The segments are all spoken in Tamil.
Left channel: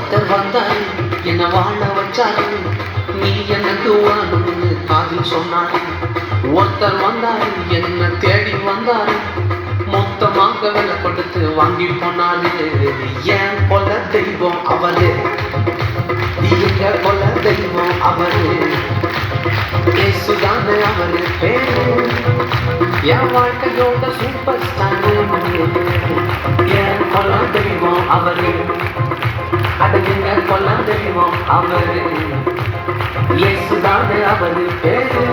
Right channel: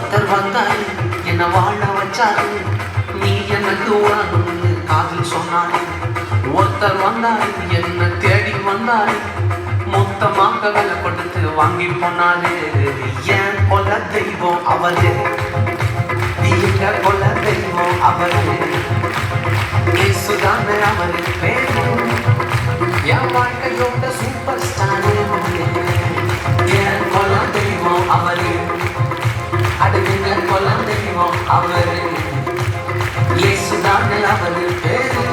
ஒருத்தர் வந்தாரு என்ன வாழ வச்சாரு, நீ எனக்கு உணவுன்னு காதல் சொன்னாரு. ஒருத்தர் வந்தாரு என்ன தேடி வந்தாரு, மொத்தமாக விலை கொடுத்து வாங்கி போனாரு. ஏன் கொல தெய்வம் அவரு, எங்க கொல தெய்வம் அவரு, இயேசுதானே அவரு பேரு, என் வாழ்க்கையோட சூப்பர் ஸ்டாரு. என் கொல தெய்வம் அவரு, அடங்க கொல தெய்வம் அவரு, இயேசுதானே அவரு பேரு,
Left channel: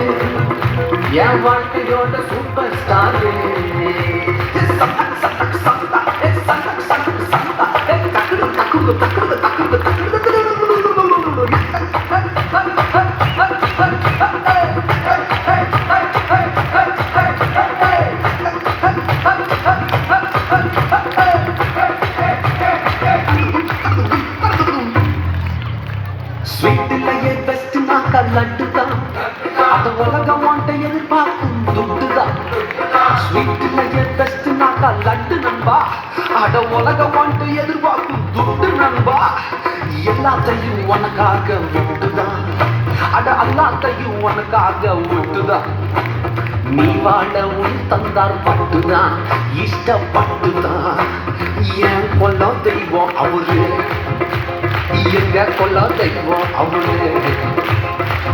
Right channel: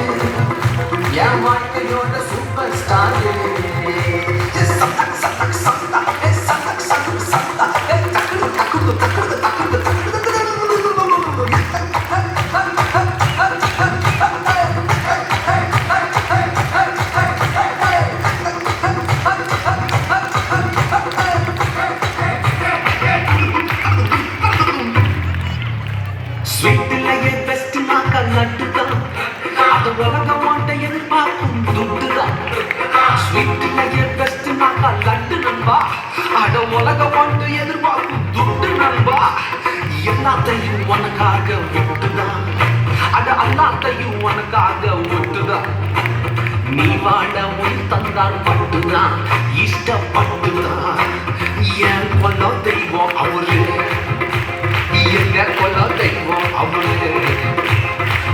என் வாழ்க்கையோட சூப்பர் ஸ்டாரு. ஸ்வீட்டிலேயே பெஸ்ட்னாக்கா லட்டுதான், அது உலகம் வாண்ட எதிர்பார்க்கும் துட்டுதான். ஸ்வீட்டிலேயே பெஸ்ட்னாக்கா லட்டு நண்பா, அட உலகம் வாண்ட எதிர்பார்க்கும் துட்டு நண்பா. எல்லாத்தையும் உனக்காக விட்டுதான், அட எல்லாத்தையும் உனக்காக விட்டுதான். நீ வாழ உன் தந்தார் பட்டுதான், இஷ்டப்பட்டுதான். என் கொல்ல தெய்வம் அவரு, எங்க கொல்ல தெய்வம் அவரு,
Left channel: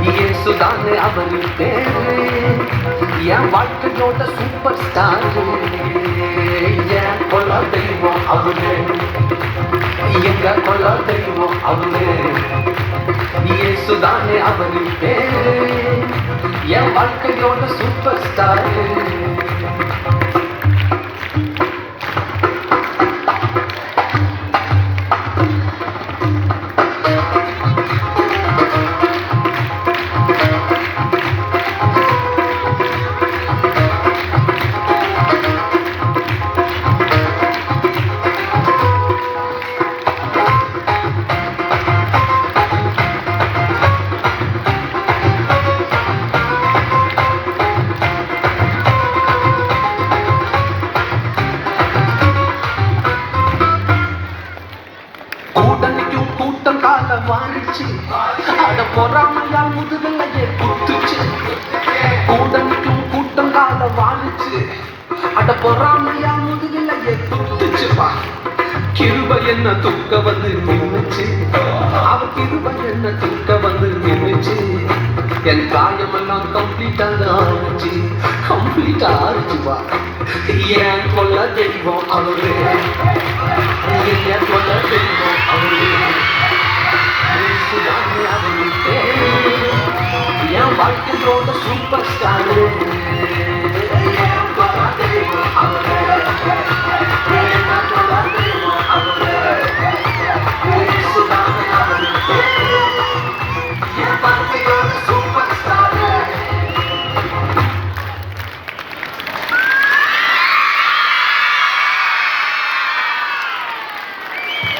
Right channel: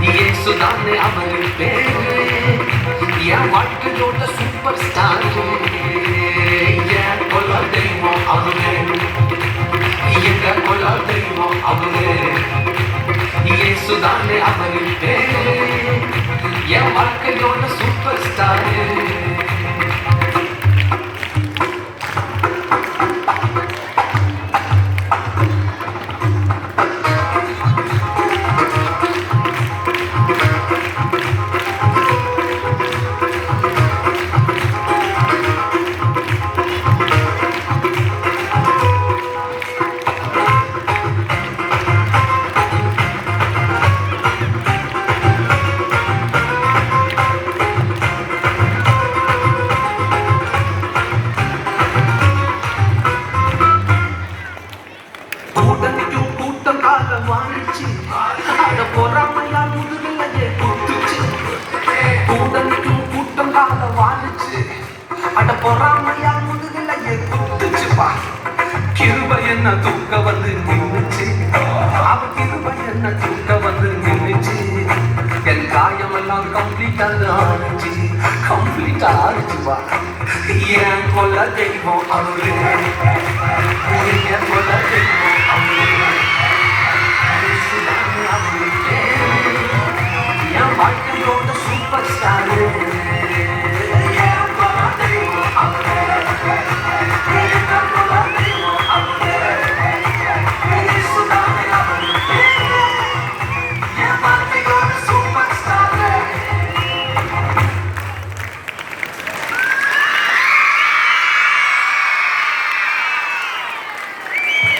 இயேசுதானே அவரு பேரு, என் வாழ்க்கையோட சூப்பர் ஸ்டார். என் கொல்ல தெய்வம் அவரு, எங்க கொல்ல தெய்வம் அவரு, இயேசுதானே அவரு பேரு, என் வாழ்க்கையோட சூப்பர் ஸ்டார். கூட்டம் காலம் வாழிச்சு, அட பொறாமையா முதுகலையே குத்துச்சு. கூட்டம் காலம் வாழிச்சு, அட பொறாமையா முதுகலையே குத்துச்சுப்பா. கிருபை என்ன தூக்க வந்து நின்னுச்சு, அவ கிருபை என்ன தூக்க வந்து நின்னுச்சு. என் காயமெல்லாம் கம்ப்ளீட்டா ஆயிடுச்சுப்பா. என் கொல்ல தெய்வம் அவரு,